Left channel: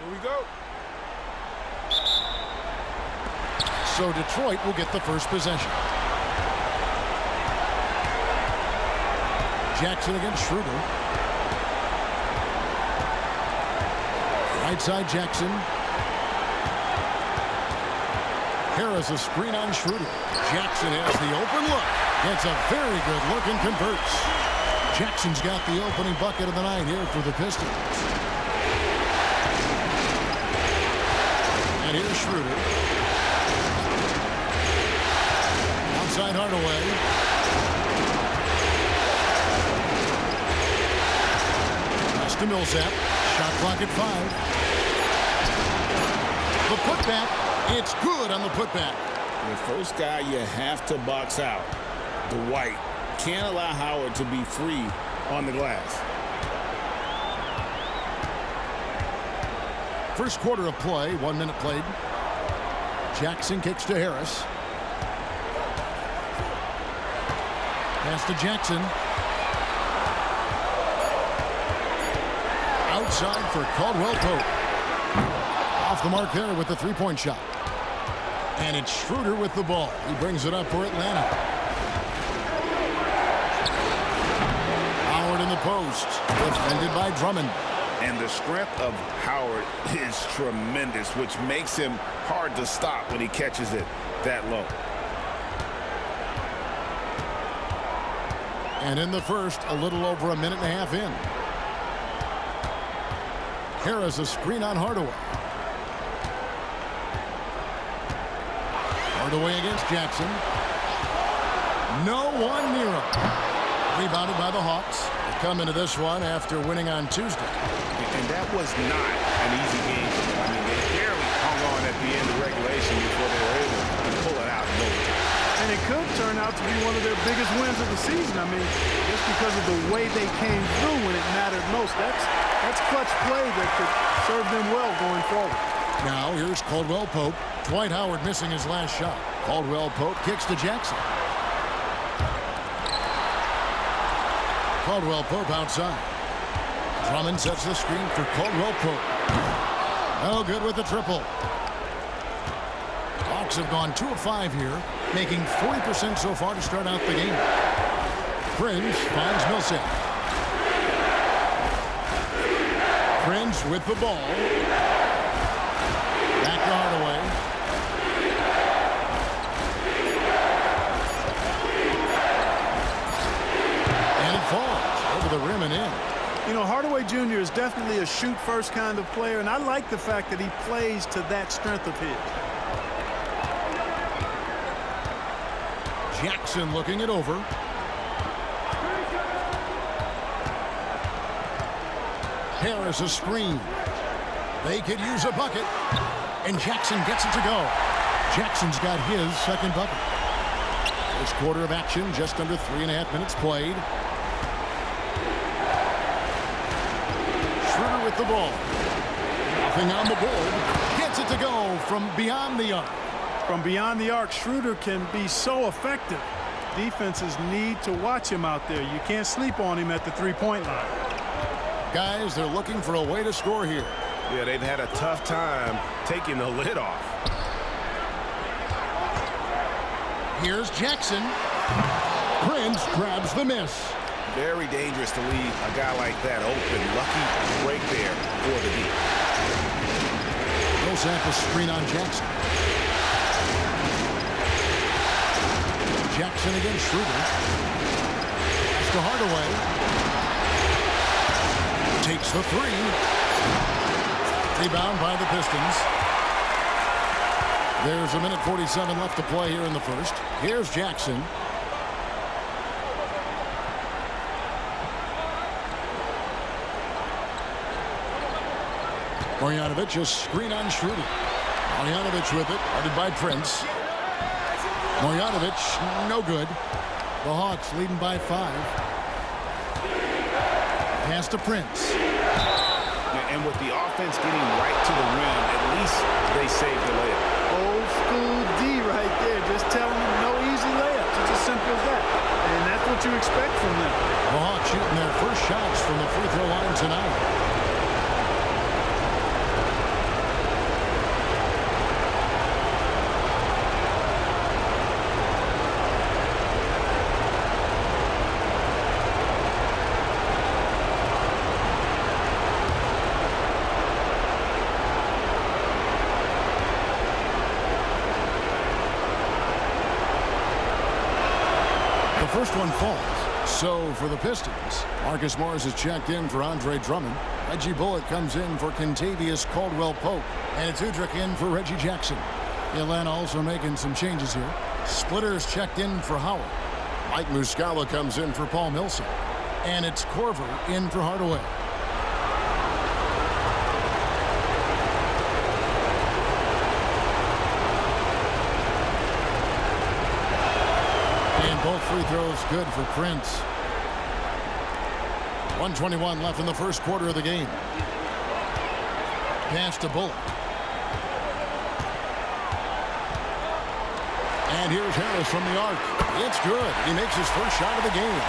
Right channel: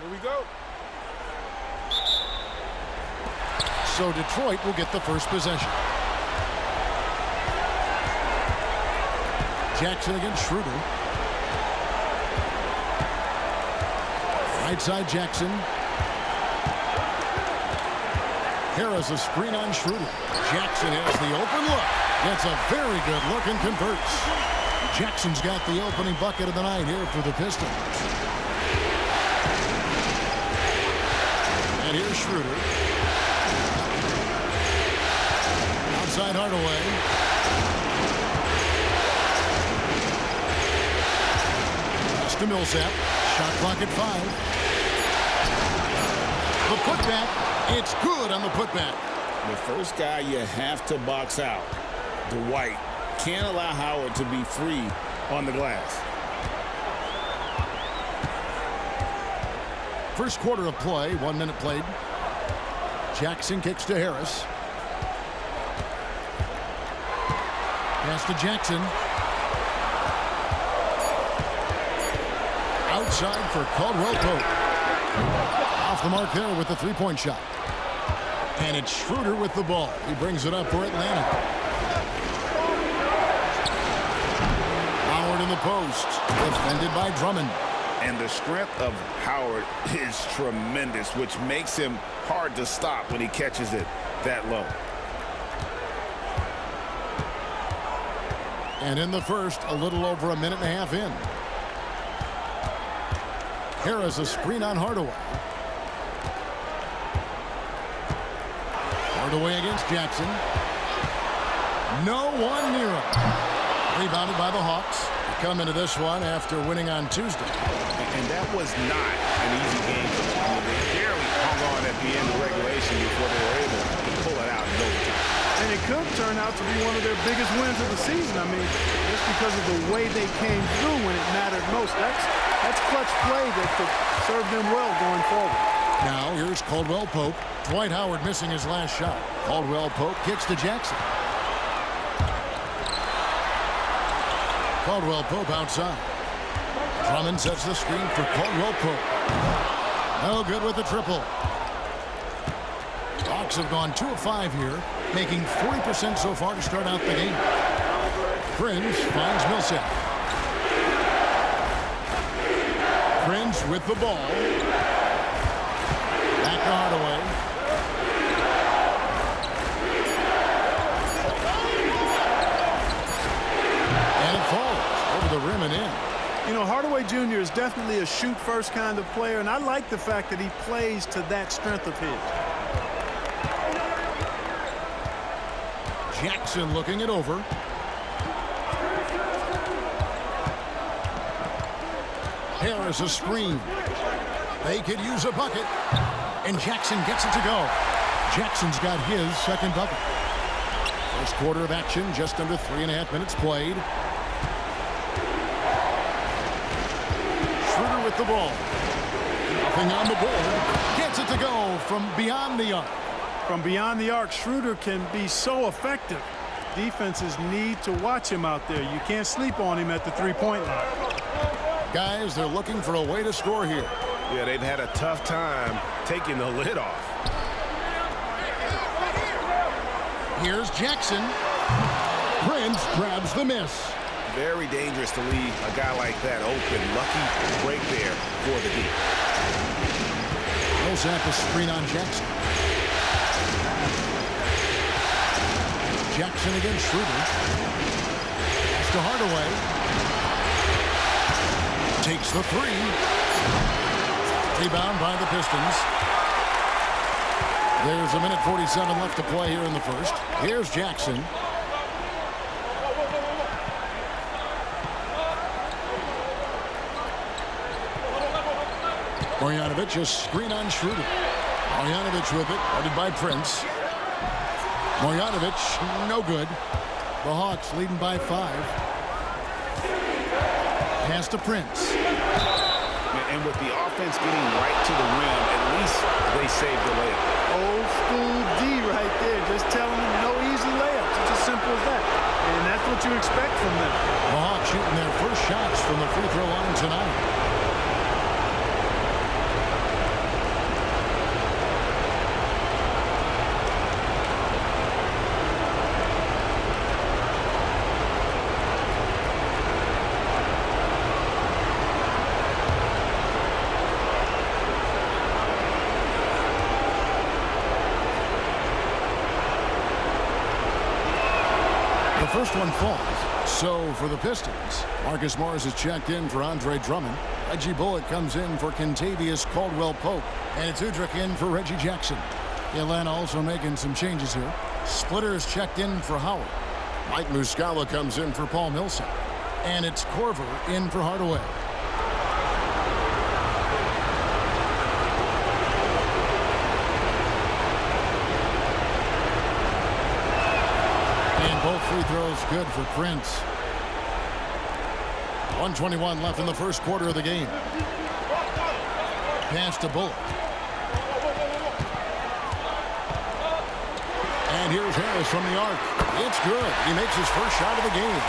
Here we go. So Detroit will get the first possession. Jackson against Schroeder. Right side Jackson. Harris a screen on Schroeder. Jackson has the open look. Gets a very good look and converts. Jackson's got the opening bucket of the night here for the Pistons. And here's Schroeder. Outside Hardaway. Pass to Millsap. Shot clock at 5. The putback. It's good on the putback. The first guy you have to box out, Dwight. Can't allow Howard to be free on the glass. First quarter of play, 1 minute played. Jackson kicks to Harris. Pass to Jackson. Outside for Caldwell Pope. Off the mark there with the three-point shot. And it's Schroeder with the ball. He brings it up for Atlanta. Howard in the post. Defended by Drummond. And the strength of Howard is tremendous, which makes him hard to stop when he catches it that low. And in the first, a little over a minute and a half in. Harris a screen on Hardaway. Hardaway against Jackson. No one near him. Rebounded by the Hawks. They come into this one after winning on Tuesday. And that was not an easy game for them. I mean, they barely hung on at the end of regulation before they were able to pull it out in overtime. And it could turn out to be one of their biggest wins of the season. I mean, just because of the way they came through when it mattered most. That's clutch play that could serve them well going forward. Now here's Caldwell Pope. Dwight Howard missing his last shot. Caldwell Pope kicks to Jackson. Caldwell Pope outside. Drummond sets the screen for Caldwell Pope. No good with the triple. Hawks have gone 2 of 5 here, making 40% so far to start out the game. Prince finds Millsap. Prince with the ball. Back to Hardaway. And it falls over the rim and in. You know, Hardaway Jr. is definitely a shoot-first kind of player, and I like the fact that he plays to that strength of his. Jackson looking it over. Harris a screen. They could use a bucket. And Jackson gets it to go. Jackson's got his second bucket. First quarter of action, just under 3.5 minutes played. Schroeder with the ball. Nothing on the board. Gets it to go from beyond the arc. From beyond the arc, Schroeder can be so effective. Defenses need to watch him out there. You can't sleep on him at the three-point line. Guys, they're looking for a way to score here. Yeah, they've had a tough time taking the lid off. Here's Jackson. Prince grabs the miss. Very dangerous to leave a guy like that open. Lucky break there for the D. Millsap a screen on Jackson. Jackson against Schroeder. Pass to Hardaway. Takes the three. Rebound by the Pistons. There's a minute 47 left to play here in the first. Here's Jackson. Marjanovic a screen on Schroeder. Marjanovic with it, guarded by Prince. Marjanovic, no good. The Hawks leading by 5. Pass to Prince. And with the offense getting right to the rim, at least they saved the layup. Old school D right there, just telling them no easy layups. It's as simple as that. And that's what you expect from them. The Hawks shooting their first shots from the free throw line tonight. first one falls. So for the Pistons, Marcus Morris is checked in for Andre Drummond. Reggie Bullock comes in for Kentavious Caldwell-Pope. And it's Udrih in for Reggie Jackson. Atlanta also making some changes here. Splitter is checked in for Howard. Mike Muscala comes in for Paul Millsap. And it's Korver in for Hardaway. And both free throws good for Prince. 1:21 left in the first quarter of the game. Pass to Bullock. And here's Harris from the arc. It's good. He makes his first shot of the game.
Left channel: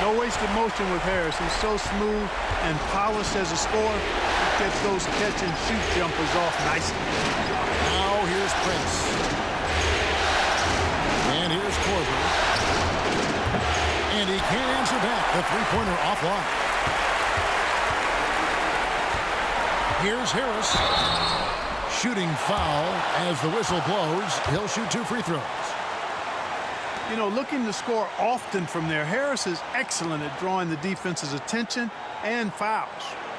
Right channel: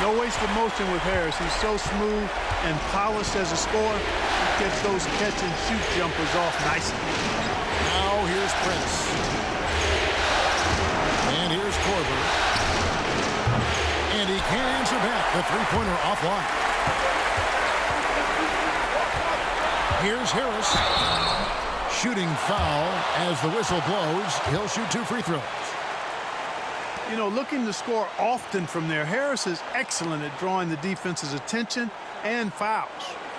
No wasted motion with Harris. He's so smooth and polished as a scorer. He gets those catch-and-shoot jumpers off nicely. Now here's Prince. And here's Korver. And he can't answer back. The three-pointer offline. Here's Harris. Shooting foul as the whistle blows. He'll shoot 2 free throws. You know, looking to score often from there. Harris is excellent at drawing the defense's attention and fouls.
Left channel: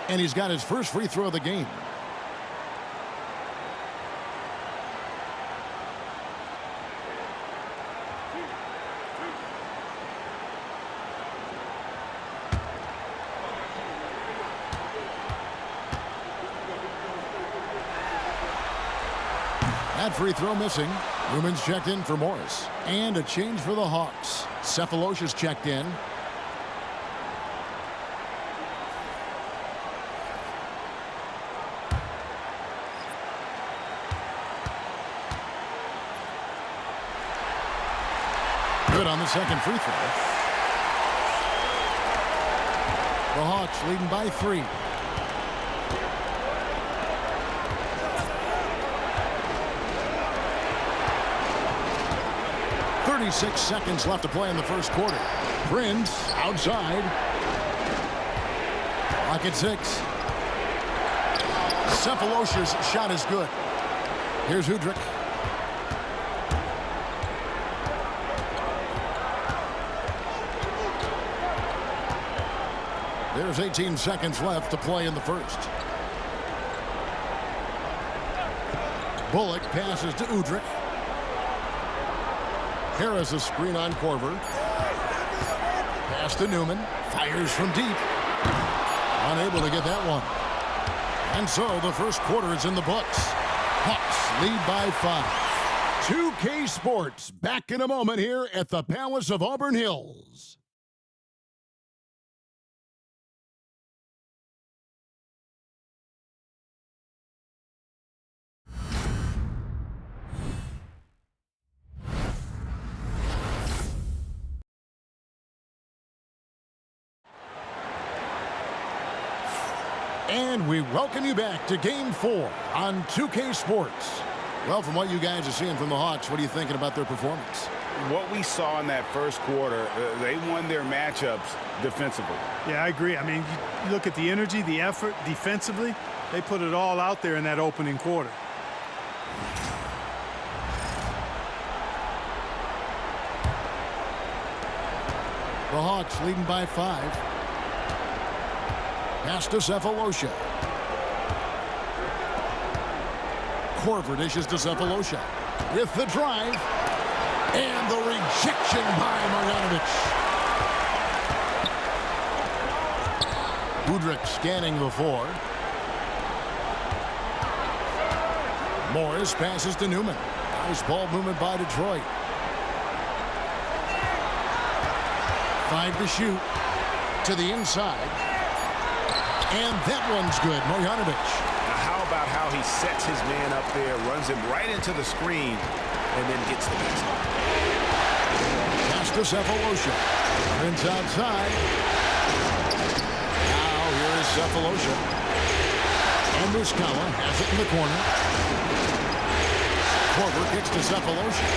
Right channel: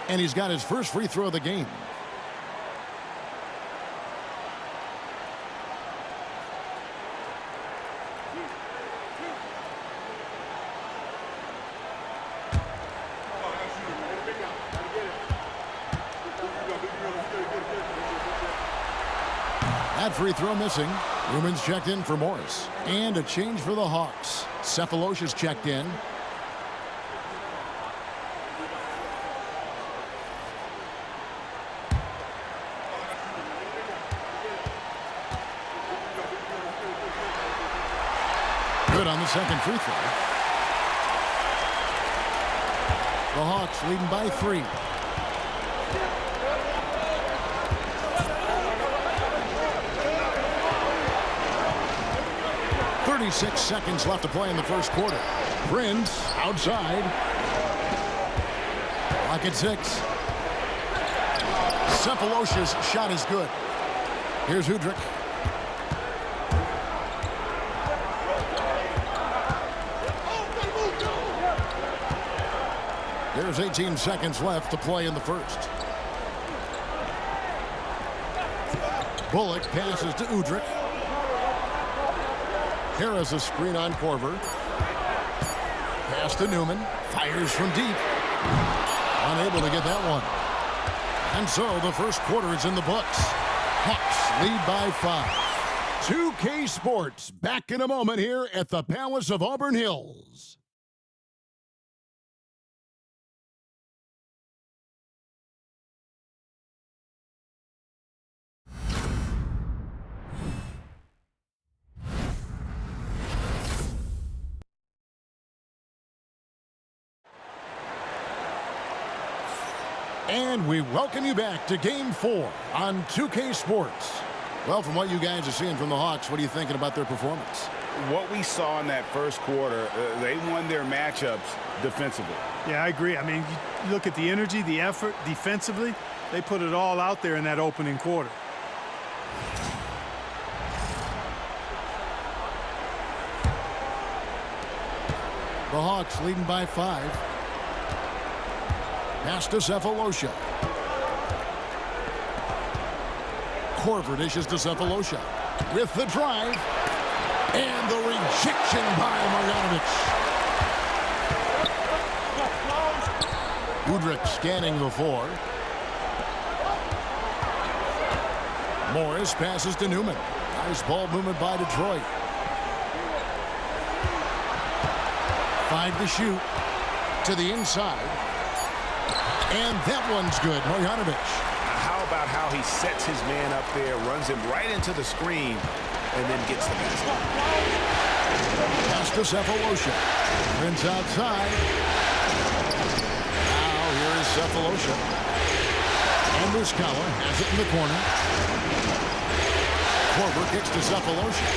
And he's got his first free throw of the game. That free throw missing. Newman's checked in for Morris. And a change for the Hawks. Cephalosha's checked in. Good on the second free throw. The Hawks leading by 3. 36 seconds left to play in the first quarter. Prince outside. Clock at 6. Cephalosha's shot is good. Here's Udrih. There's 18 seconds left to play in the first. Bullock passes to Udrih. Harris a screen on Korver. Pass to Newman. Fires from deep. Unable to get that one. And so the first quarter is in the books. Hawks lead by 5. 2K Sports back in a moment here at the Palace of Auburn Hills. And we welcome you back to Game 4 on 2K Sports. Well, from what you guys are seeing from the Hawks, what are you thinking about their performance? What we saw in that first quarter, they won their matchups defensively. Yeah, I agree. I mean, you look at the energy, the effort defensively, they put it all out there in that opening quarter. The Hawks leading by 5. Pass to Cephalosha. Korver dishes to Cephalosha. With the drive. And the rejection by Marjanovic. Udrih scanning the 4. Morris passes to Newman. Nice ball movement by Detroit. 5 to shoot. To the inside. And that one's good, Marjanovic. Now how about how he sets his man up there, runs him right into the screen, and then gets the basket. Pass to Cephalosha. Prince outside. Now here is Cephalosha. And Muscala has it in the corner. Korver kicks to Cephalosha.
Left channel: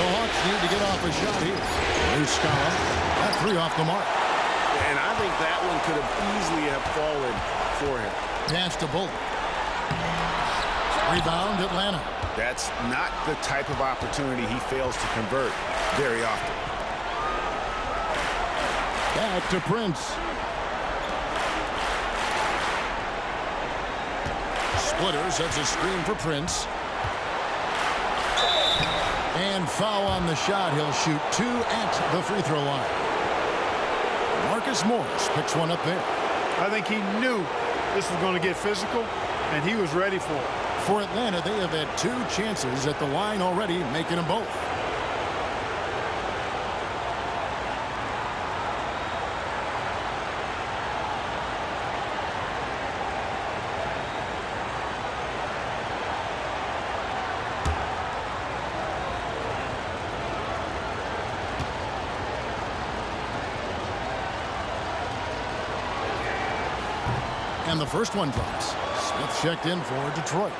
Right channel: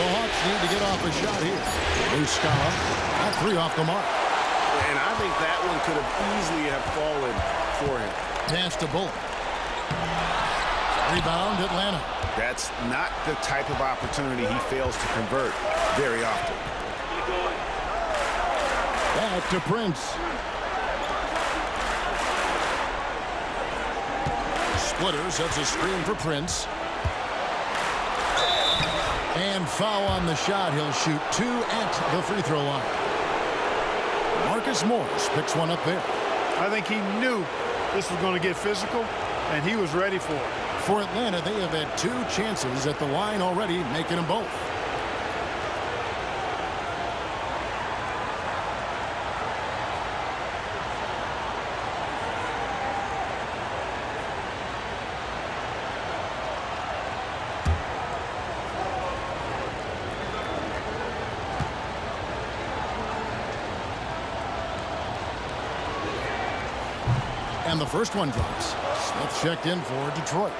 The Hawks need to get off a shot here. Muscala. That 3 off the mark. And I think that one could have easily have fallen for him. Pass to Bullock. Rebound, Atlanta. That's not the type of opportunity he fails to convert very often. Back to Prince. Splitter sets a screen for Prince. And foul on the shot. He'll shoot 2 at the free throw line. Marcus Morris picks one up there. I think he knew this was going to get physical, and he was ready for it. For Atlanta, they have had 2 chances at the line already, making them both. And the first one drops. Smith checked in for Detroit.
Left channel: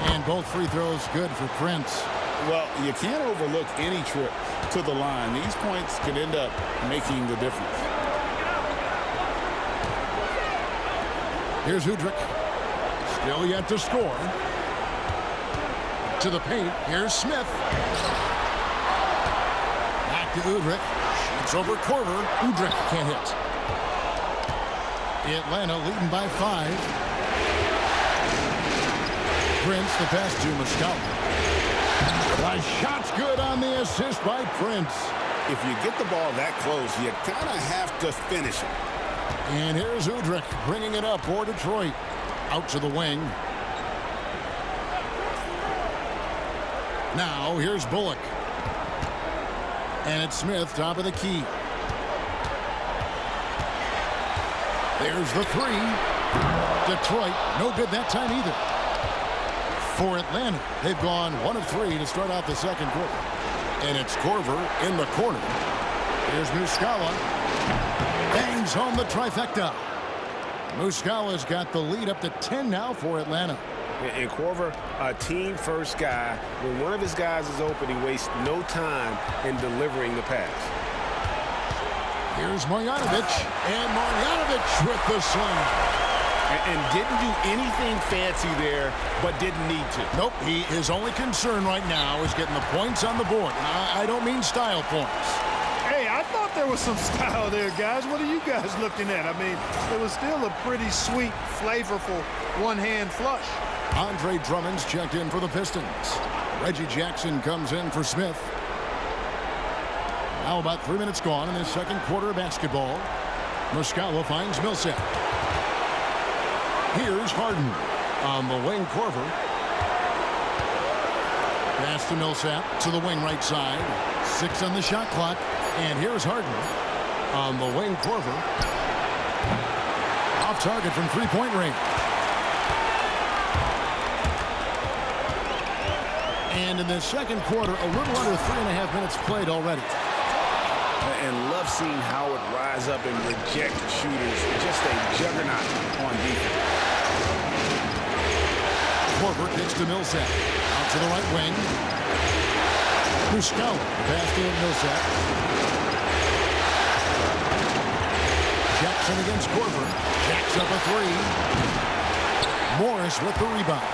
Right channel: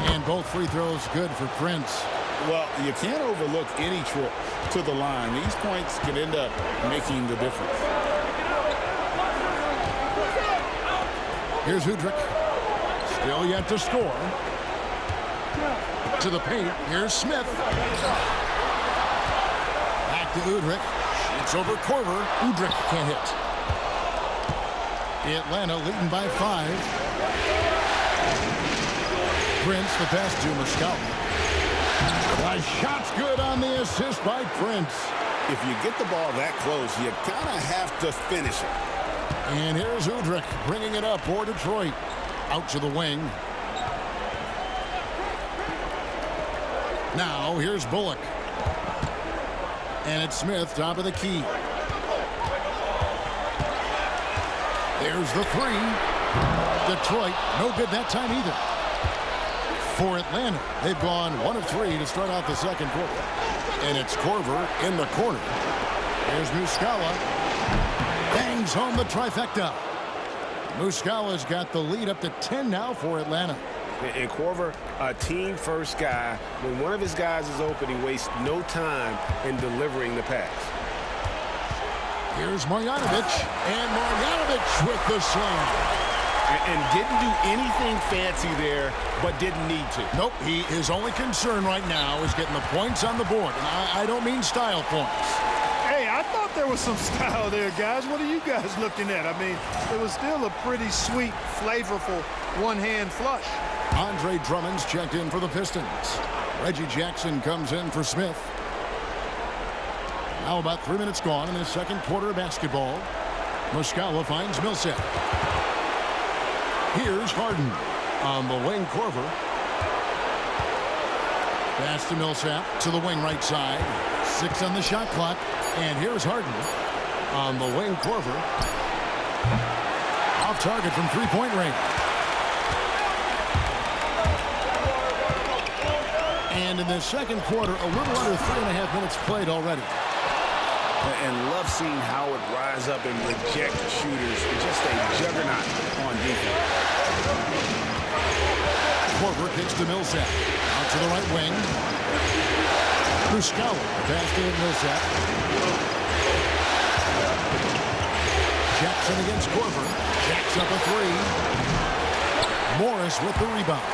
And both free throws good for Prince. Well, you can't overlook any trip to the line. These points can end up making the difference. Here's Udrich. Still yet to score. To the paint. Here's Smith. Back to Udrich. Shoots over Korver. Udrich can't hit. Atlanta leading by 5. Prince, the pass to Muscala. The shot's good on the assist by Prince. If you get the ball that close, you kind of have to finish it. And here's Udrich bringing it up for Detroit. Out to the wing. Now here's Bullock. And it's Smith, top of the key. There's the 3. Detroit, no good that time either. For Atlanta, they've gone 1 of 3 to start out the second quarter. And it's Korver in the corner. Here's Muscala. Bangs home the trifecta. Muscala's got the lead up to 10 now for Atlanta. And Korver, a team-first guy. When one of his guys is open, he wastes no time in delivering the pass. Here's Marjanovic. And Marjanovic with the slam. And didn't do anything fancy there, but didn't need to. Nope, his only concern right now is getting the points on the board. And I don't mean style points. Hey, I thought there was some style there, guys. What are you guys looking at? I mean, it was still a pretty sweet, flavorful one-hand flush. Andre Drummond's checked in for the Pistons. Reggie Jackson comes in for Smith. Now about 3 minutes gone in this second quarter of basketball. Muscala finds Millsap. Here's Harden on the wing. Korver. Pass to Millsap to the wing right side. 6 on the shot clock. And here's Harden on the wing. Korver. Off target from three-point range. And in the second quarter, a little under 3.5 minutes played already. And love seeing Howard rise up and reject shooters. Just a juggernaut on defense. Korver kicks to Millsap. Out to the right wing. Muscala. Pass to Millsap. Jackson against Korver. Jacks up a 3. Morris with the rebound.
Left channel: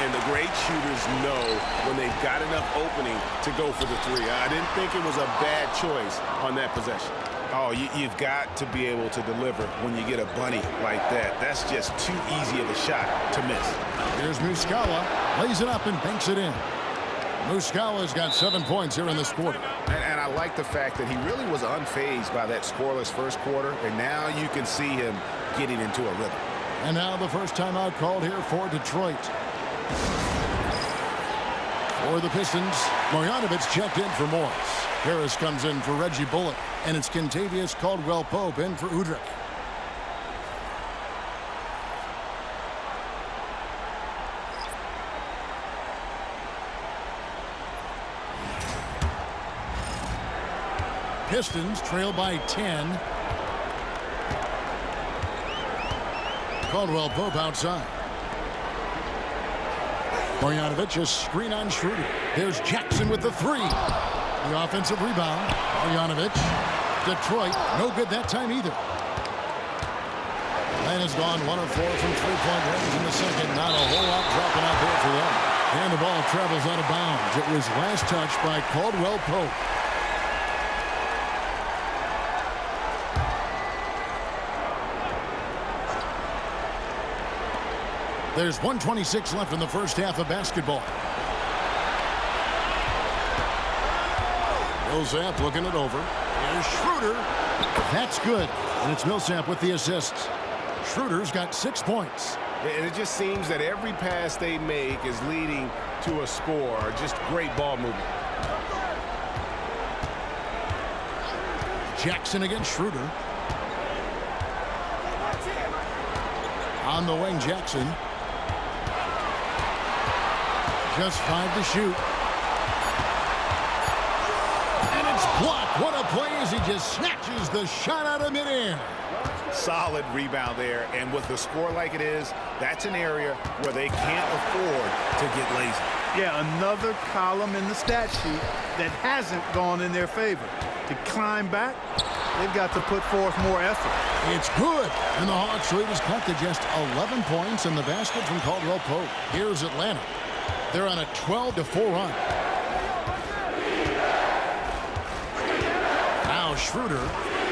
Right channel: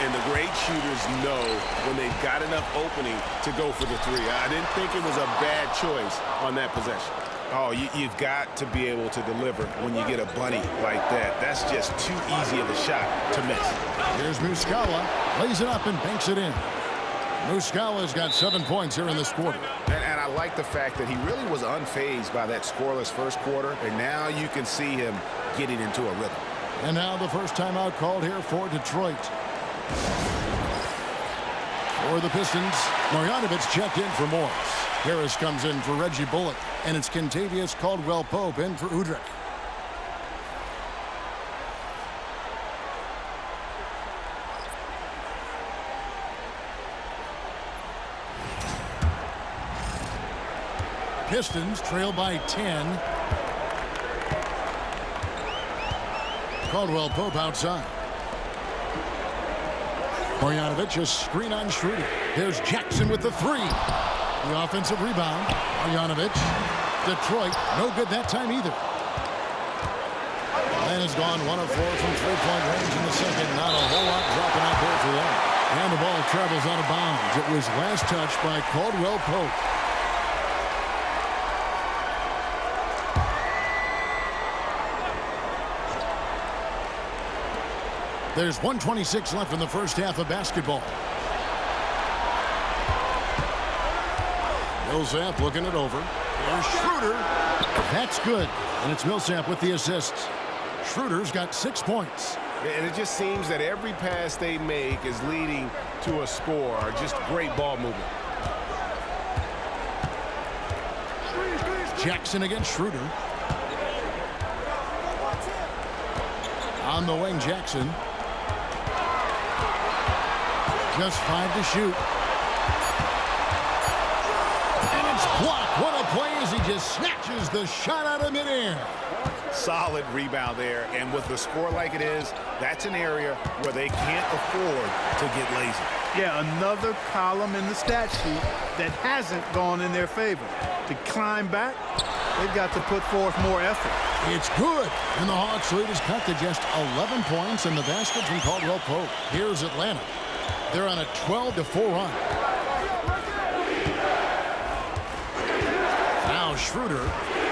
And the great shooters know when they've got enough opening to go for the 3. I didn't think it was a bad choice on that possession. Oh, you've got to be able to deliver when you get a bunny like that. That's just too easy of a shot to miss. Here's Muscala. Lays it up and banks it in. Muscala's got 7 points here in this quarter. And I like the fact that he really was unfazed by that scoreless first quarter. And now you can see him getting into a rhythm. And now the first timeout called here for Detroit. For the Pistons, Marjanovic checked in for Morris. Harris comes in for Reggie Bullock. And it's Kentavious Caldwell-Pope in for Udrich. Pistons trail by 10. Caldwell Pope outside. Marjanovic, a screen on Schroeder. There's Jackson with the three. The offensive rebound. Marjanovic. Detroit, no good that time either. Atlanta's gone 1 of 4 from three-point range in the second. Not a whole lot dropping out there for them. And the ball travels out of bounds. It was last touched by Caldwell Pope. There's 1:26 left in the first half of basketball. Millsap looking it over. Here's Schroeder. That's good. And it's Millsap with the assists. Schroeder's got 6 points. And it just seems that every pass they make is leading to a score. Just great ball movement. Jackson against Schroeder. On the wing, Jackson. Just 5 to shoot. And it's blocked. What a play as he just snatches the shot out of midair. Solid rebound there. And with the score like it is, that's an area where they can't afford to get lazy. Yeah, another column in the stat sheet that hasn't gone in their favor. To climb back, they've got to put forth more effort. It's good. And the Hawks lead is cut to just 11 points in the basket from Caldwell Pope. Here's Atlanta. They're on a 12-4 run. Now Schroeder,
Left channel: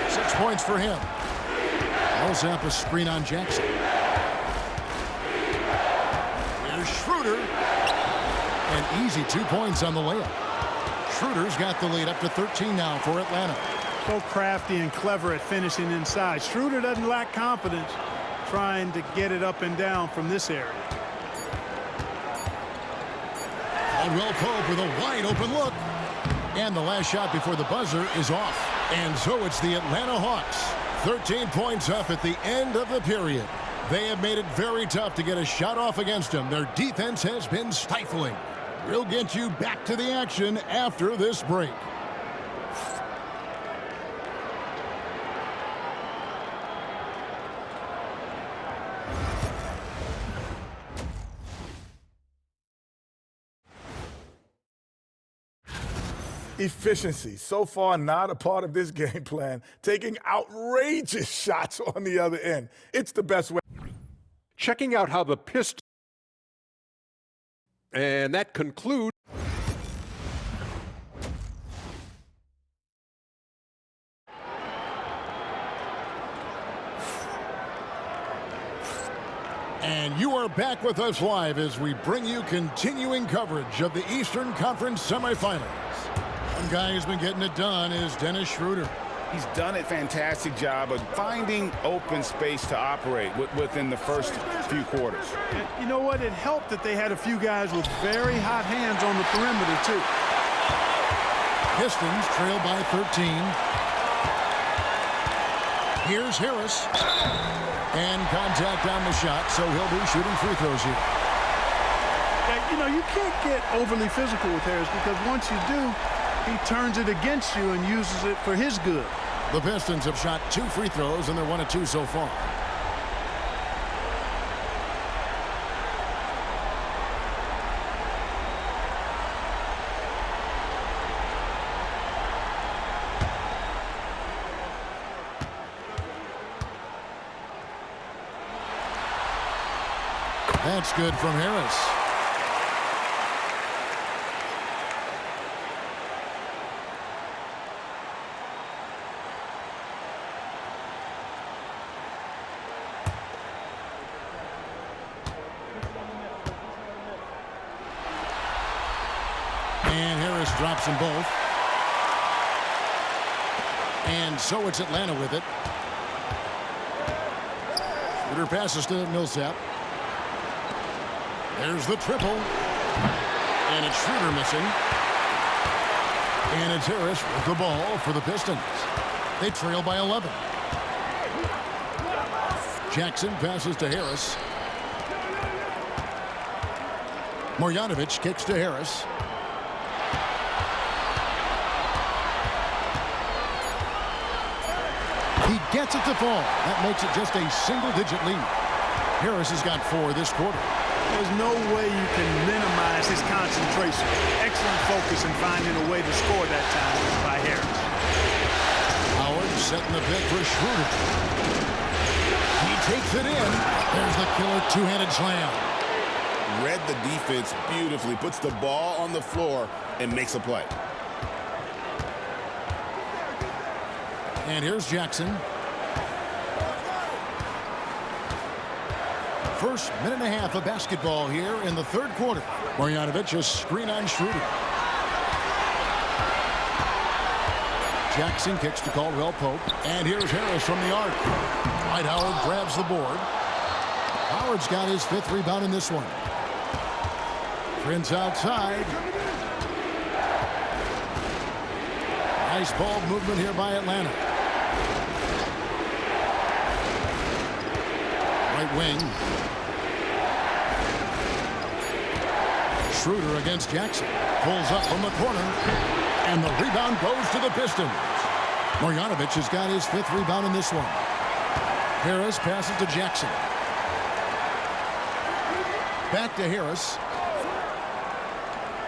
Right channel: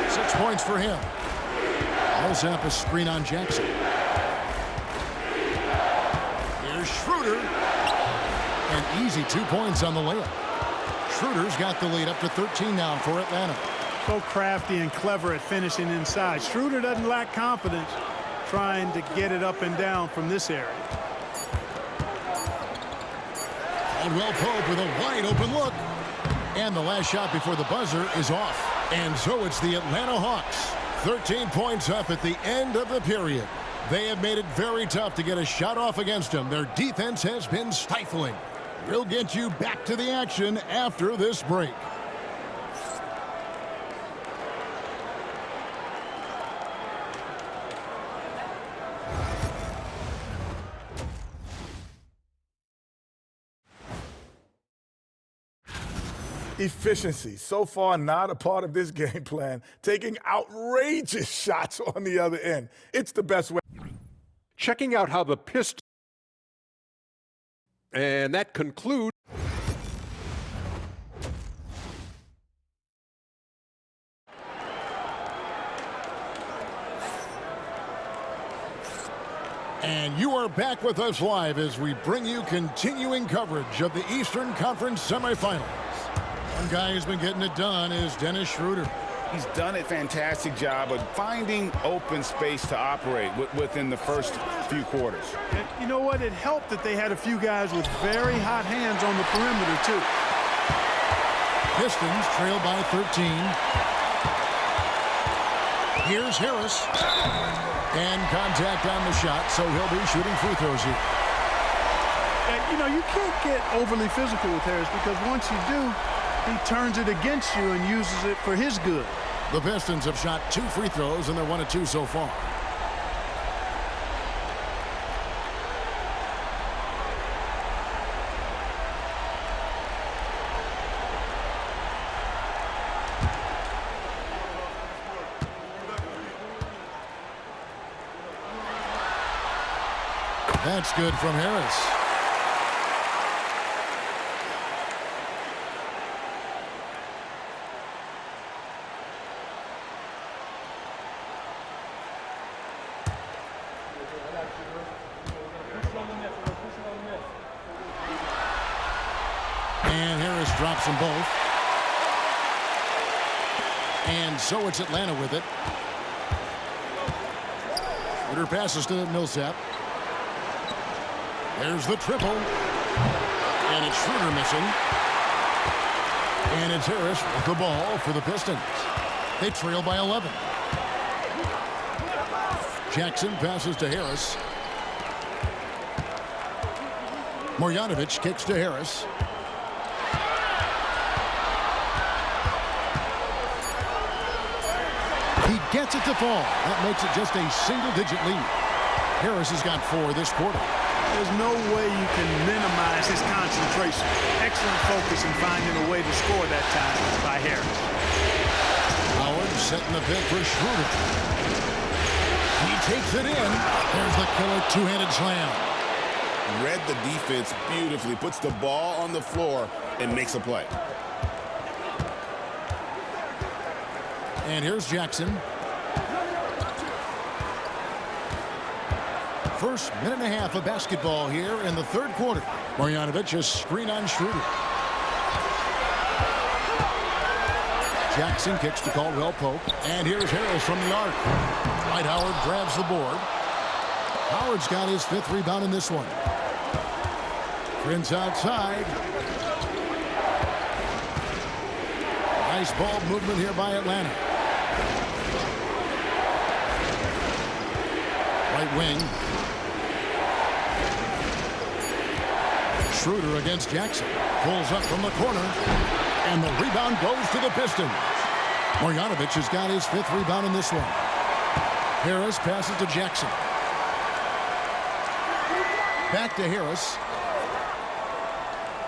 6 points for him. Millsap a screen on Jackson. Here's Schroeder. An easy 2 points on the layup. Schroeder's got the lead up to 13 now for Atlanta. So crafty and clever at finishing inside. Schroeder doesn't lack confidence trying to get it up and down from this area. Caldwell Pope with a wide open look. And the last shot before the buzzer is off. And so it's the Atlanta Hawks. 13 points up at the end of the period. They have made it very tough to get a shot off against them. Their defense has been stifling. We'll get you back to the action after this break. Efficiency, so far not a part of this game plan. Taking outrageous shots on the other end. It's the best way. Checking out how the Pistons. And that concludes. And you are back with us live as we bring you continuing coverage of the Eastern Conference semifinals. One guy who's been getting it done is Dennis Schroeder. He's done a fantastic job of finding open space to operate within the first few quarters. And you know what? It helped that they had a few guys with very hot hands on the perimeter, too. Pistons trail by 13. Here's Harris. And contact on the shot, so he'll be shooting free throws here. You know, you can't get overly physical with Harris because once you do, he turns it against you and uses it for his good. The Pistons have shot 2 free throws, and they're 1 of 2 so far. That's good from Harris. And Harris drops them both. And so it's Atlanta with it. Schroeder passes to Millsap. There's the triple. And it's Schroeder missing. And it's Harris with the ball for the Pistons. They trail by 11. Jackson passes to Harris. Marjanovic kicks to Harris. He gets it to fall. That makes it just a single-digit lead. Harris has got 4 this quarter. There's no way you can minimize his concentration. Excellent focus in finding a way to score that time by Harris. Howard setting the pick for Schroeder. He takes it in. There's the killer two-handed slam. Read the defense beautifully, puts the ball on the floor, and makes a play. And here's Jackson. First minute and a half of basketball here in the third quarter. Marjanovic a screen on Schroeder. Jackson kicks to Caldwell Pope. And here's Harris from the arc. Dwight Howard grabs the board. Howard's got his 5th rebound in this one. Prince outside. Nice ball movement here by Atlanta. Right wing. Schroeder against Jackson. Pulls up from the corner. And the rebound goes to the Pistons. Marjanovic has got his 5th rebound in this one. Harris passes to Jackson. Back to Harris.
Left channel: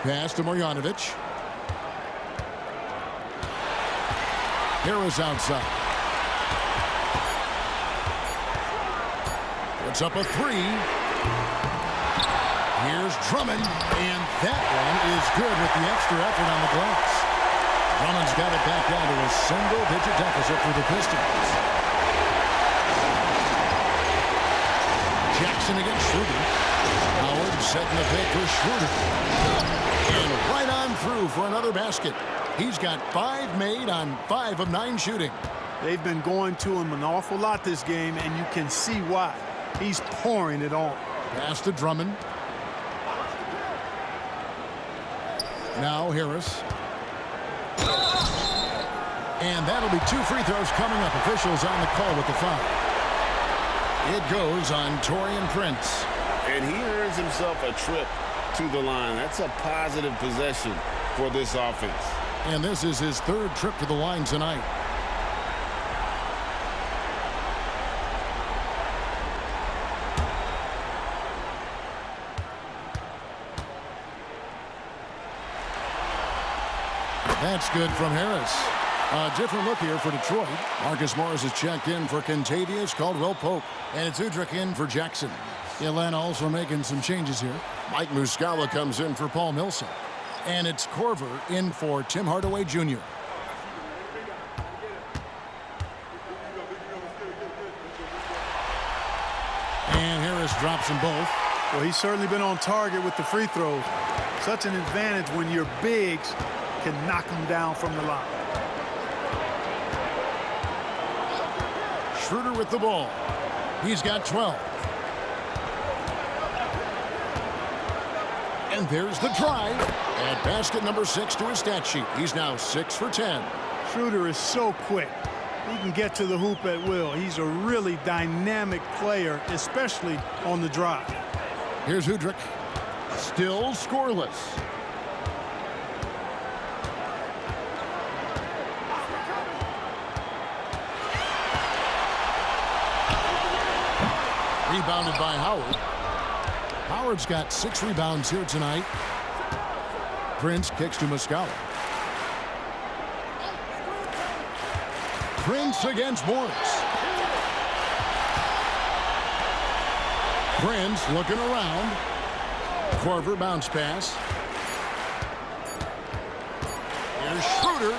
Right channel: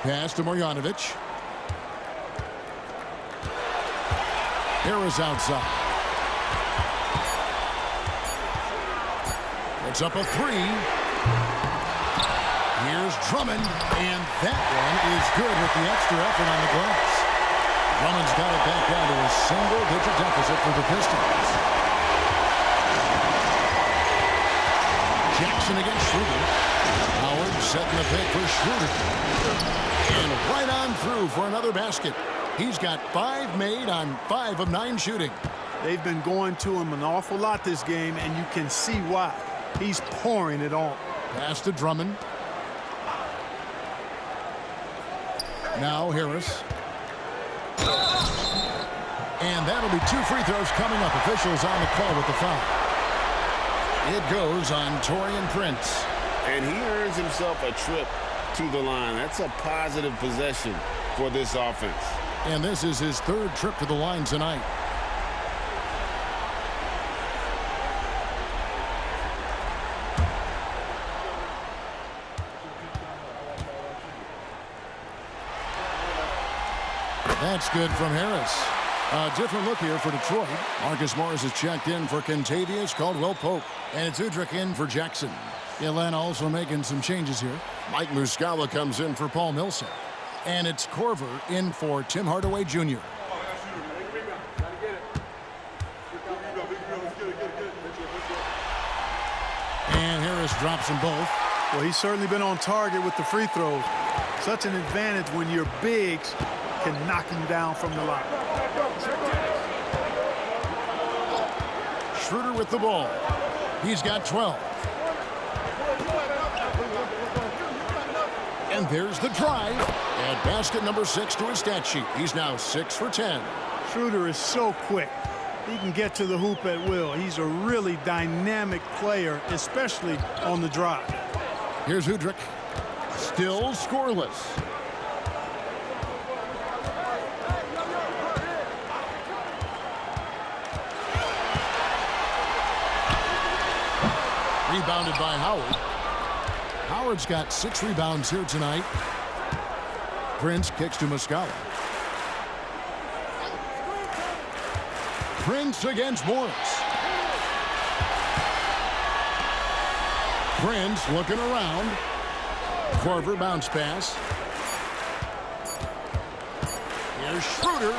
Pass to Marjanovic. Harris outside. Puts up a 3. Here's Drummond, and that one is good with the extra effort on the glass. Drummond's got it back down to a single-digit deficit for the Pistons. Jackson against Schroeder. Howard setting the pick for Schroeder. And right on through for another basket. He's got 5 made on 5 of 9 shooting. They've been going to him an awful lot this game, and you can see why. He's pouring it on. Pass to Drummond. Now Harris. And that'll be 2 free throws coming up. Officials on the call with the foul. It goes on Taurean Prince. And he earns himself a trip to the line. That's a positive possession for this offense. And this is his 3rd trip to the line tonight. That's good from Harris. A different look here for Detroit. Marcus Morris is checked in for Kentavious Caldwell-Pope. And it's Udrich in for Jackson. Atlanta also making some changes here. Mike Muscala comes in for Paul Millsap. And it's Korver in for Tim Hardaway Jr. And Harris drops them both. Well, he's certainly been on target with the free throws. Such an advantage when your bigs can knock them down from the line. Schroeder with the ball. He's got 12. And there's the drive. Add basket number 6 to his stat sheet. He's now 6 for 10. Schroeder is so quick. He can get to the hoop at will. He's a really dynamic player, especially on the drive. Here's Udrich. Still scoreless. Rebounded by Howard. Howard's got 6 rebounds here tonight. Prince kicks to Muscala. Prince against Morris. Prince looking around. Korver bounce pass. Here's Schroeder.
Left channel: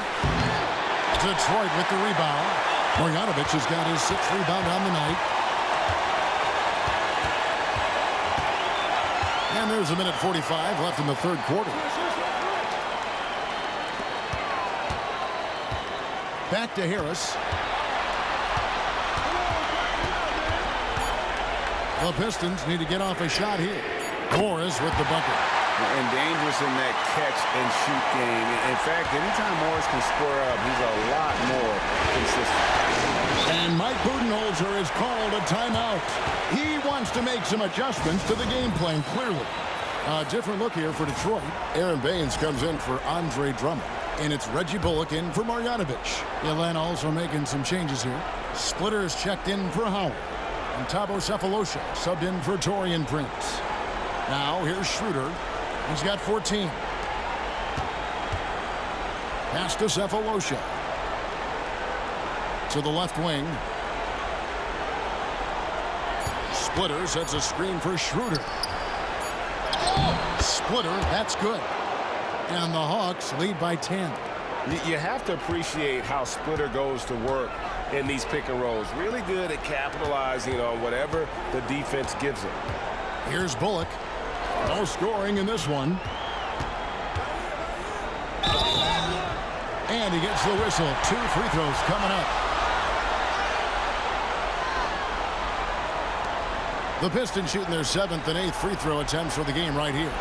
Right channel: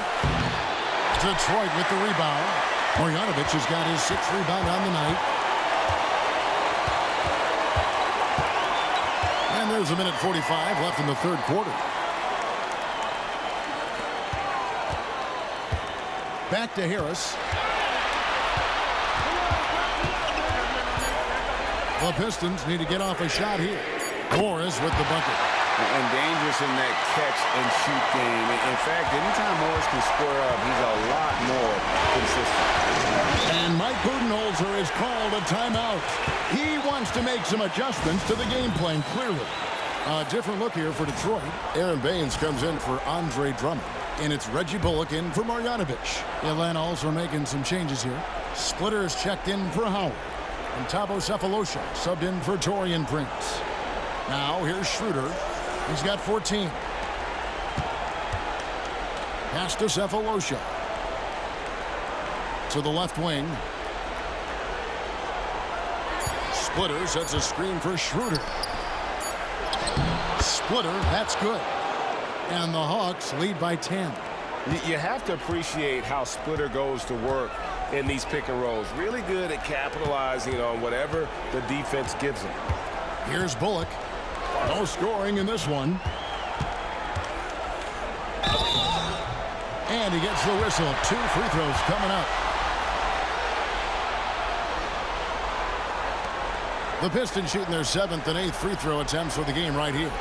Detroit with the rebound. Marjanovic has got his 6th rebound on the night. And there's 1:45 left in the third quarter. Back to Harris. The Pistons need to get off a shot here. Morris with the bucket. And dangerous in that catch-and-shoot game. In fact, anytime Morris can square up, he's a lot more consistent. And Mike Budenholzer has called a timeout. He wants to make some adjustments to the game plan, clearly. A different look here for Detroit. Aaron Baines comes in for Andre Drummond. And it's Reggie Bullock in for Marjanovic. Atlanta also making some changes here. Splitter is checked in for Howard. And Thabo Cephalosha subbed in for Taurean Prince. Now here's Schroeder. He's got 14. Pass to Cephalosha. To the left wing. Splitter sets a screen for Schroeder. Splitter, that's good. And the Hawks lead by 10. You have to appreciate how Splitter goes to work in these pick and rolls. Really good at capitalizing on whatever the defense gives him. Here's Bullock. No scoring in this one. And he gets the whistle. 2 free throws coming up. The Pistons shooting their 7th and 8th free throw attempts for the game right here.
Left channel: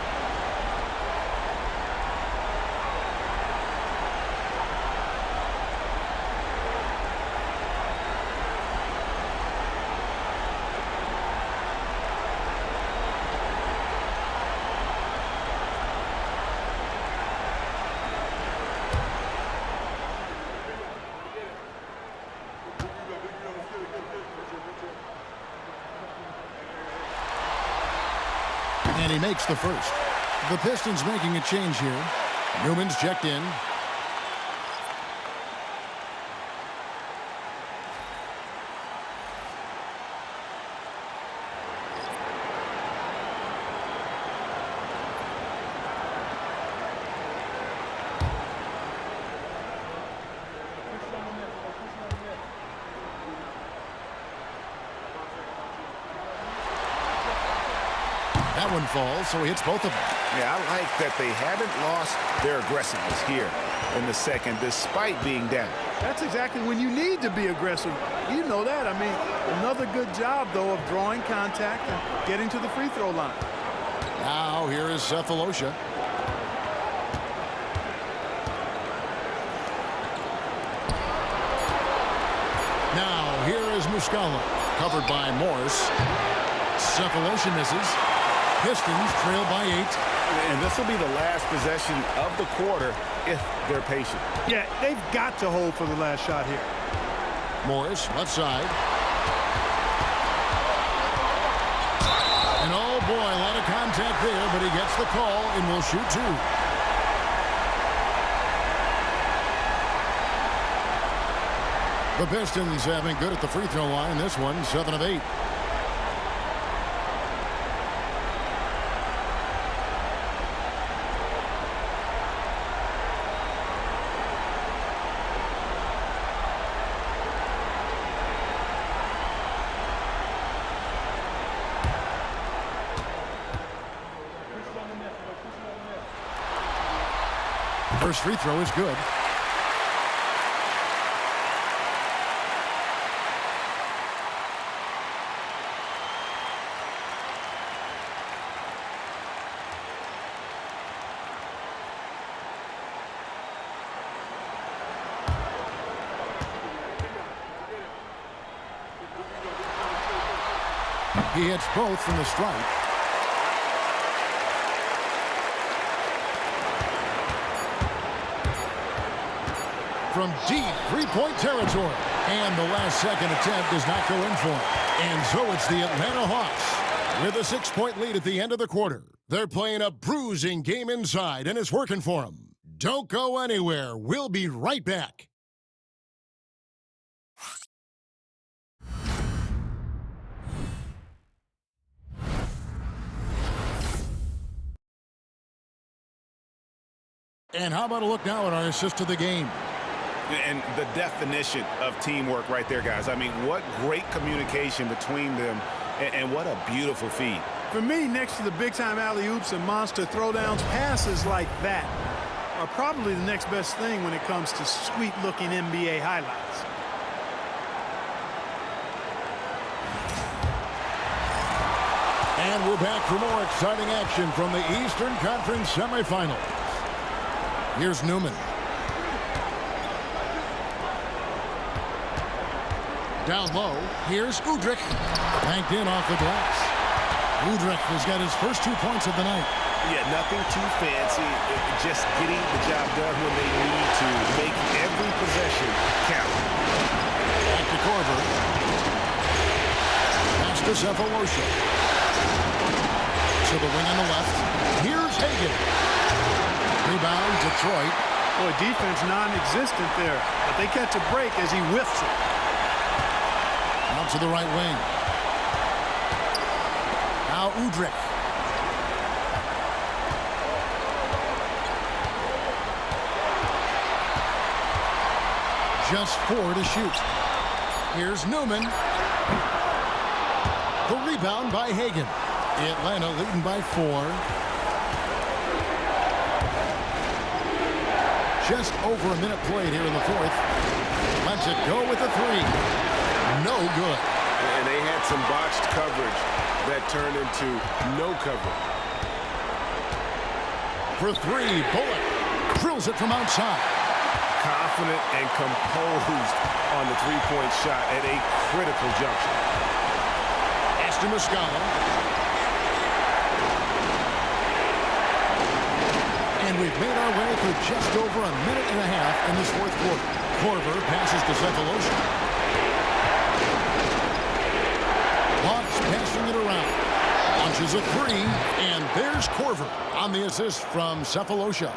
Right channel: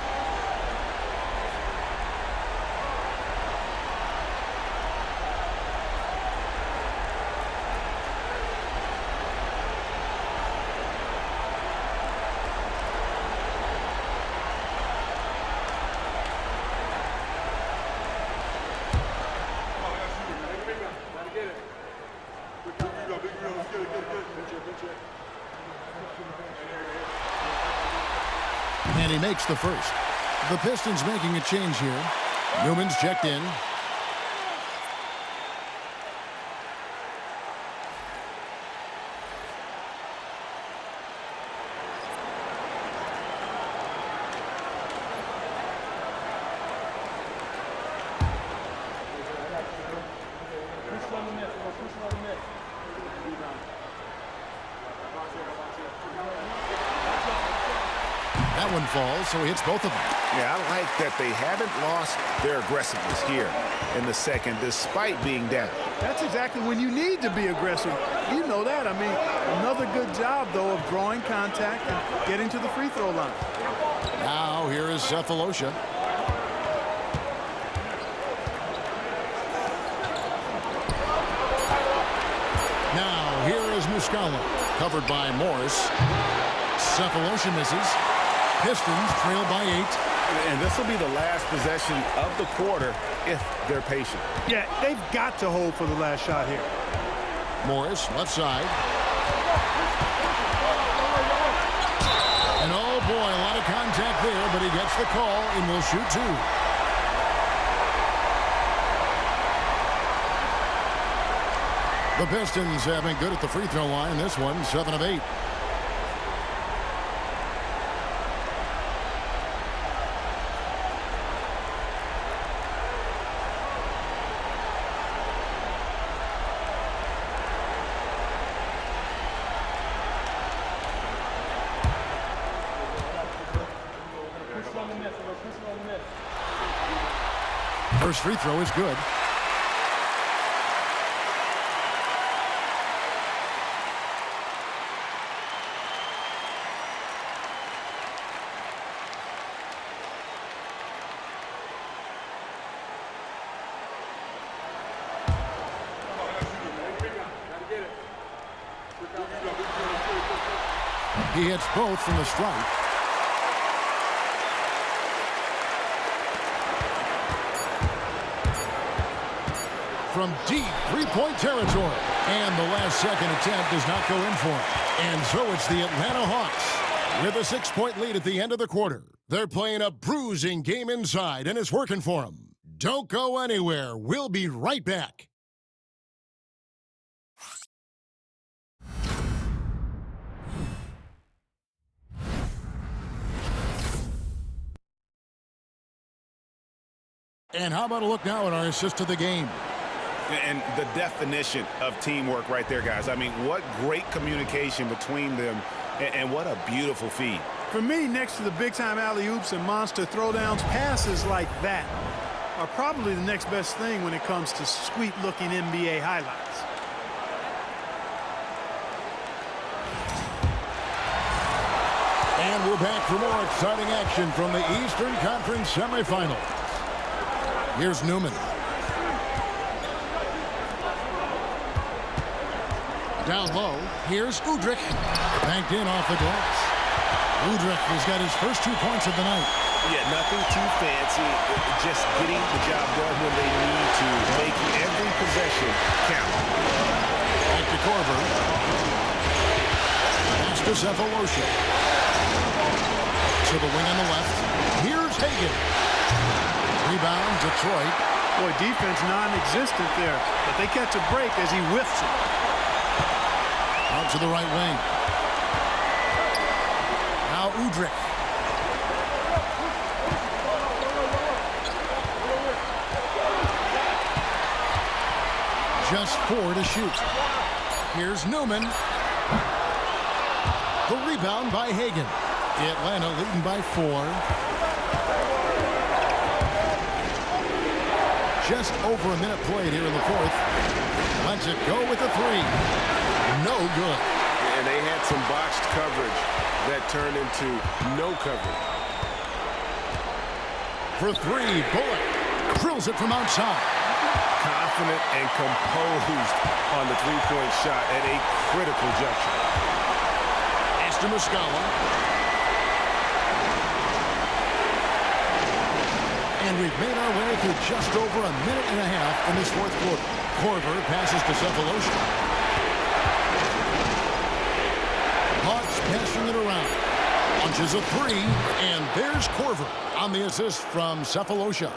And he makes the first. The Pistons making a change here. Newman's checked in. That one falls, so he hits both of them. Yeah, I like that they haven't lost their aggressiveness here in the second, despite being down. That's exactly when you need to be aggressive. You know that. I mean, another good job, though, of drawing contact and getting to the free throw line. Now here is Cephalosha. Now here is Muscala, covered by Morris. Cephalosha misses. Pistons trail by 8. And this will be the last possession of the quarter if they're patient. Yeah, they've got to hold for the last shot here. Morris, left side. And oh boy, a lot of contact there, but he gets the call and will shoot 2. The Pistons have been good at the free throw line. This one, 7 of 8. First free throw is good. He hits both from the stripe. From deep three-point territory. And the last second attempt does not go in for him. And so it's the Atlanta Hawks with a 6-point lead at the end of the quarter. They're playing a bruising game inside, and it's working for them. Don't go anywhere. We'll be right back. And how about a look now at our assist to the game? And the definition of teamwork right there, guys. I mean, what great communication between them, and what a beautiful feed. For me, next to the big-time alley-oops and monster throwdowns, passes like that are probably the next best thing when it comes to sweet-looking NBA highlights. And we're back for more exciting action from the Eastern Conference semifinals. Here's Newman. Down low, here's Udrich. Banked in off the glass. Udrich has got his first 2 points of the night. Yeah, nothing too fancy. Just getting the job done when they need to. Make every possession count. Back to Korver. Pass to Cephalosha. To the wing on the left. Here's Hagan. Rebound, Detroit. Boy, defense non-existent there, but they catch a break as he whiffs it. Out to the right wing. Now Udrih. Just 4 to shoot. Here's Newman. The rebound by Hagan. Atlanta leading by 4. Just over a minute played here in the fourth. Lets it go with a 3. No good. And they had some botched coverage that turned into no coverage. For 3, Bullock drills it from outside. Confident and composed on the three-point shot at a critical juncture. Pass to Muscala. And we've made our way through just over a minute and a half in this fourth quarter. Korver passes to Cephalosha. Hawks passing it around. Launches a 3, and there's Korver on the assist from Cephalosha.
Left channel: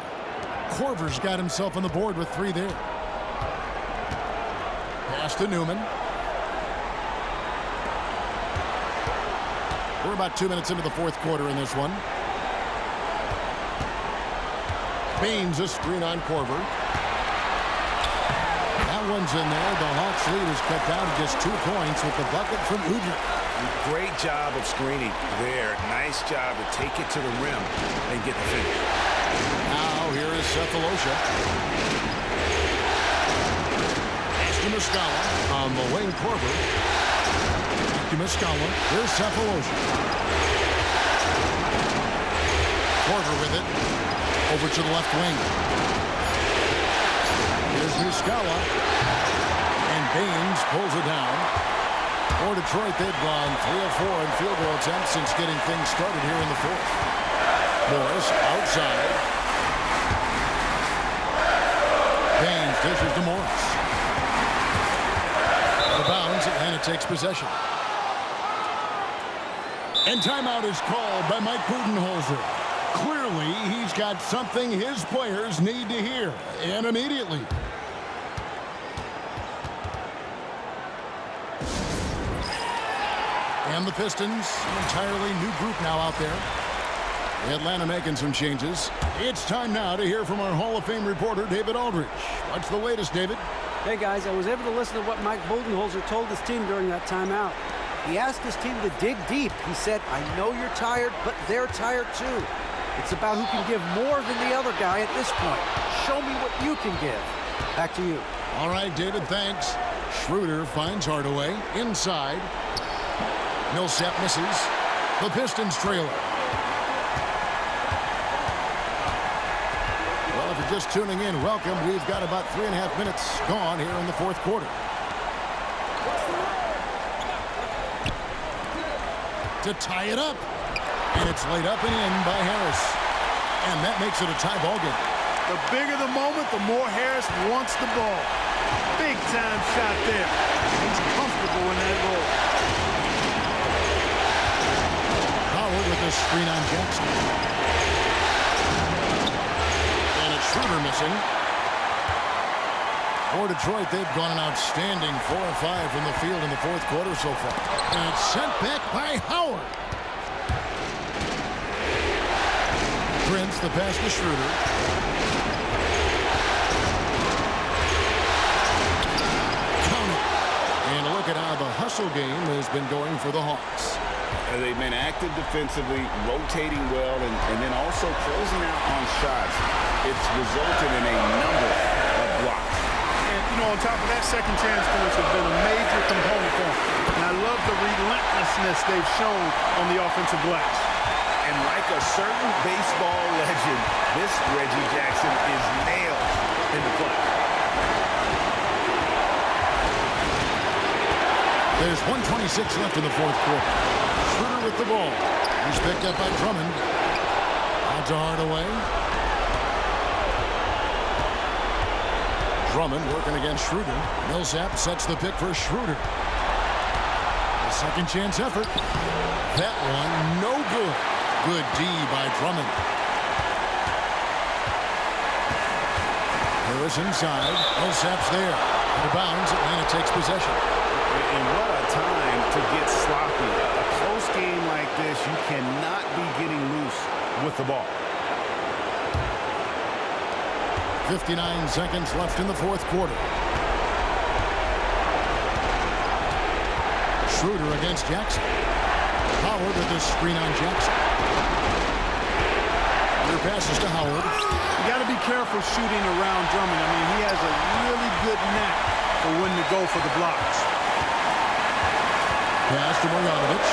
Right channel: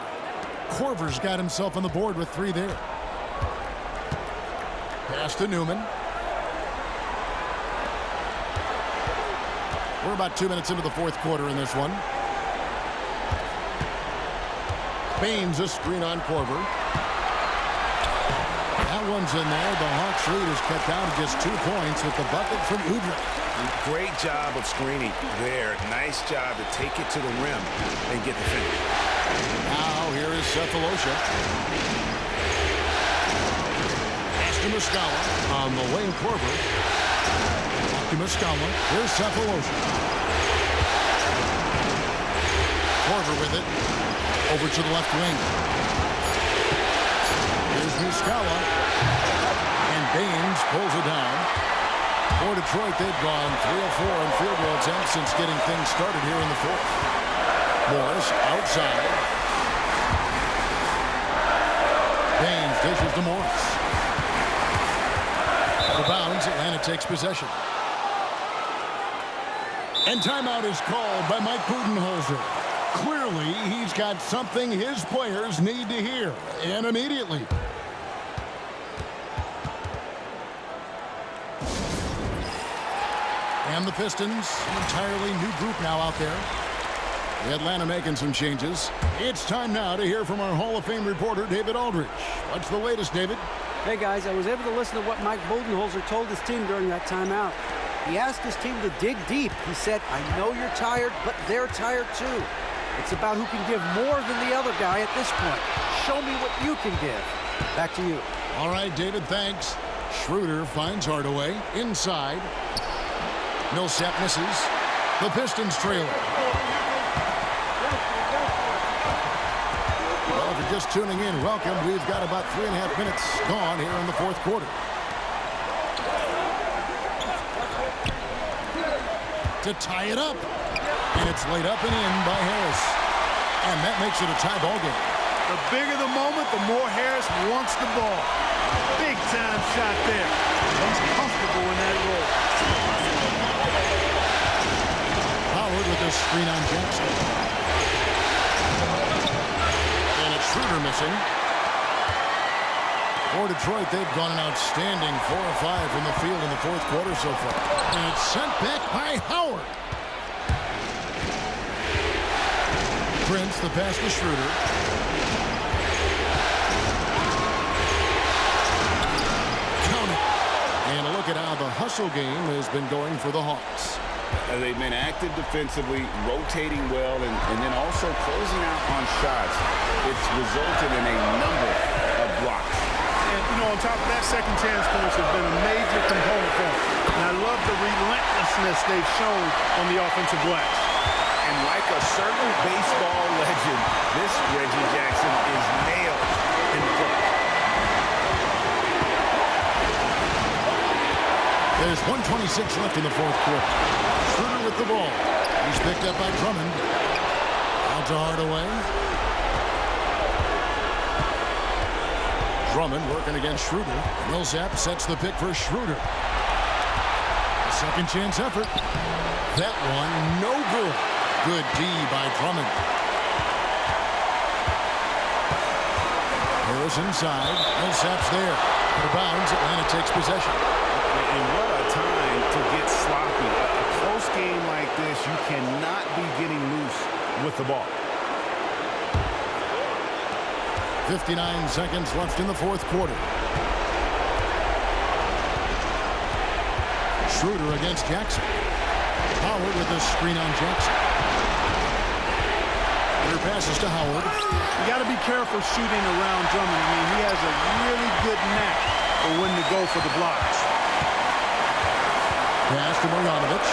Korver's got himself on the board with 3 there. Pass to Newman. We're about 2 minutes into the fourth quarter in this one. Baines a screen on Korver. That one's in there. The Hawks lead is cut down to just 2 points with the bucket from Udrih. Great job of screening there. Nice job to take it to the rim and get the finish. Now here is Cephalosha. Pass to Muscala on the wing. Korver. Back to Muscala. Here's Cephalosha. Korver with it. Over to the left wing. Here's Muscala. And Baines pulls it down. For Detroit, they've gone 3 of 4 in field goal attempts since getting things started here in the fourth. Morris outside. Baines dishes to Morris. Out of bounds, Atlanta takes possession. And timeout is called by Mike Budenholzer. Clearly, he's got something his players need to hear, and immediately. And the Pistons, an entirely new group now out there. Atlanta making some changes. It's time now to hear from our Hall of Fame reporter, David Aldridge. What's the latest, David? Hey, guys, I was able to listen to what Mike Budenholzer told his team during that timeout. He asked his team to dig deep. He said, I know you're tired, but they're tired too. It's about who can give more than the other guy at this point. Show me what you can give. Back to you. All right, David, thanks. Schroeder finds Hardaway inside. Millsap misses. The Pistons trailer. Well, if you're just tuning in, welcome. We've got about 3.5 minutes gone here in the fourth quarter. To tie it up. And it's laid up and in by Harris. And that makes it a tie ball game. The bigger the moment, the more Harris wants the ball. Big time shot there. He's comfortable in that role. Howard with a screen on Jackson. And it's Schroeder missing. For Detroit, they've gone an outstanding 4 of 5 from the field in the fourth quarter so far. And it's sent back by Howard. Prince, the pass to Schroeder. Count it. And a look at how the hustle game has been going for the Hawks. They've been active defensively, rotating well, and then also closing out on shots. It's resulted in a number of blocks. And, you know, on top of that, second chance points have been a major component for them. And I love the relentlessness they've shown on the offensive glass. And like a certain baseball legend, this Reggie Jackson is nailed in the clutch. There's 1:26 left in the fourth quarter. Schroeder with the ball. He's picked up by Drummond. Out to Hardaway. Drummond working against Schroeder. Millsap sets the pick for Schroeder. A second chance effort. That one, no good. Good D by Drummond. Harris inside. Millsap's there. Out of bounds, Atlanta takes possession. And what a time to get sloppy. A close game like this, you cannot be getting loose with the ball. 59 seconds left in the fourth quarter. Schroeder against Jackson. Howard with the screen on Jackson. Schroeder passes to Howard. You got to be careful shooting around Drummond. I mean, he has a really good knack for when to go for the blocks. Pass to Marjanovic.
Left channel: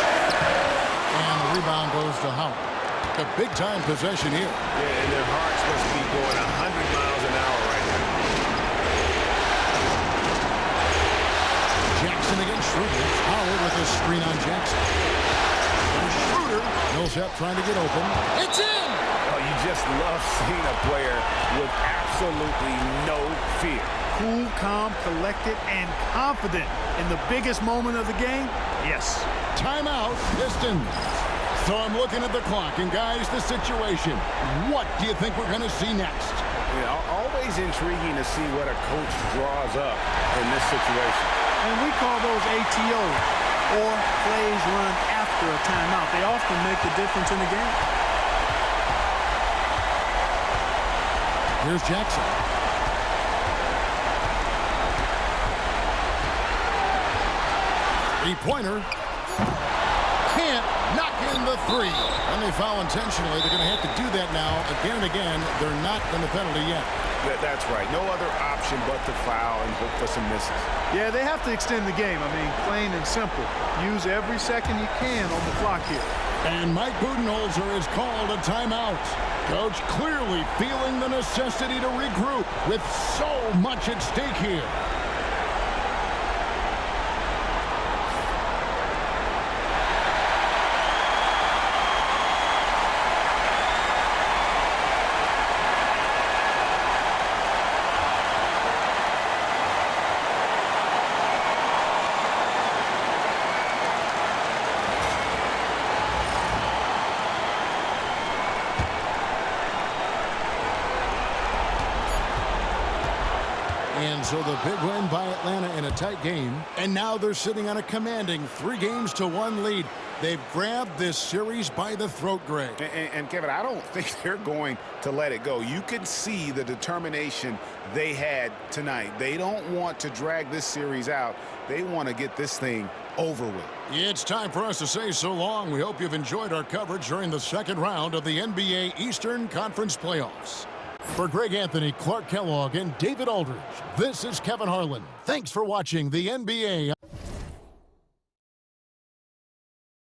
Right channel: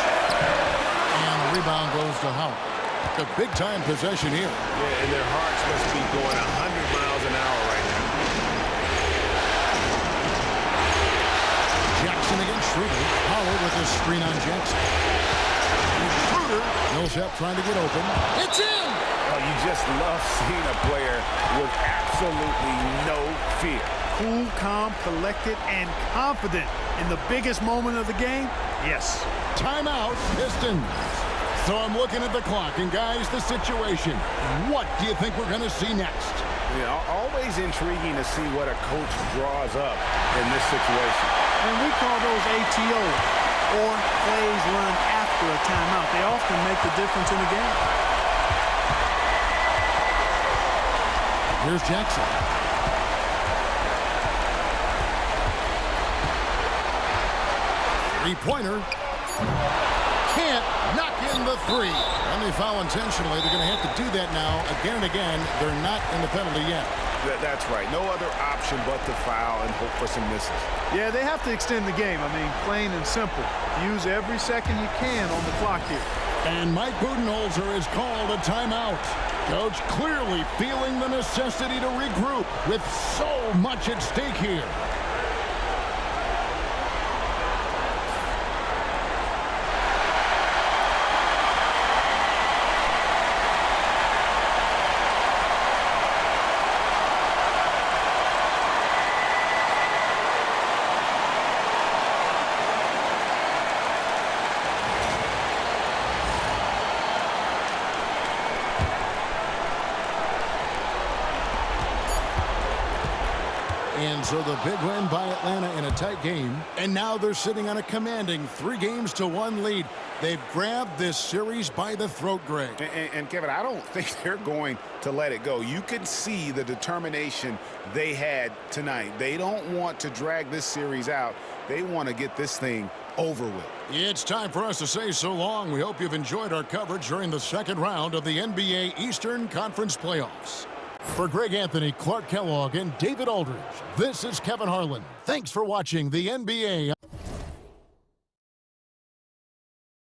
And the rebound goes to Howard. A big-time possession here. Yeah, and their hearts must be going 100 miles an hour right now. Jackson against Schroeder. Howard with a screen on Jackson. And Schroeder. Millsap trying to get open. It's in! Oh, you just love seeing a player with absolutely no fear. Cool, calm, collected, and confident in the biggest moment of the game. Yes. Timeout, Pistons. So I'm looking at the clock, and guys, the situation. What do you think we're going to see next? Yeah, always intriguing to see what a coach draws up in this situation. And we call those ATOs, or plays run after a timeout. They often make the difference in the game. Here's Jackson. Three-pointer. Can't knock in the three. And they foul intentionally. They're going to have to do that now again and again. They're not in the penalty yet. That's right. No other option but to foul and hope for some misses. Yeah, they have to extend the game. I mean, plain and simple. Use every second you can on the clock here. And Mike Budenholzer is called a timeout. Coach clearly feeling the necessity to regroup with so much at stake here. And so the big win by Atlanta in a tight game. And now they're sitting on a commanding 3-1 lead. They've grabbed this series by the throat, Greg. And Kevin, I don't think they're going to let it go. You can see the determination they had tonight. They don't want to drag this series out. They want to get this thing over with. It's time for us to say so long. We hope you've enjoyed our coverage during the second round of the NBA Eastern Conference Playoffs. For Greg Anthony, Clark Kellogg, and David Aldridge, this is Kevin Harlan. Thanks for watching the NBA.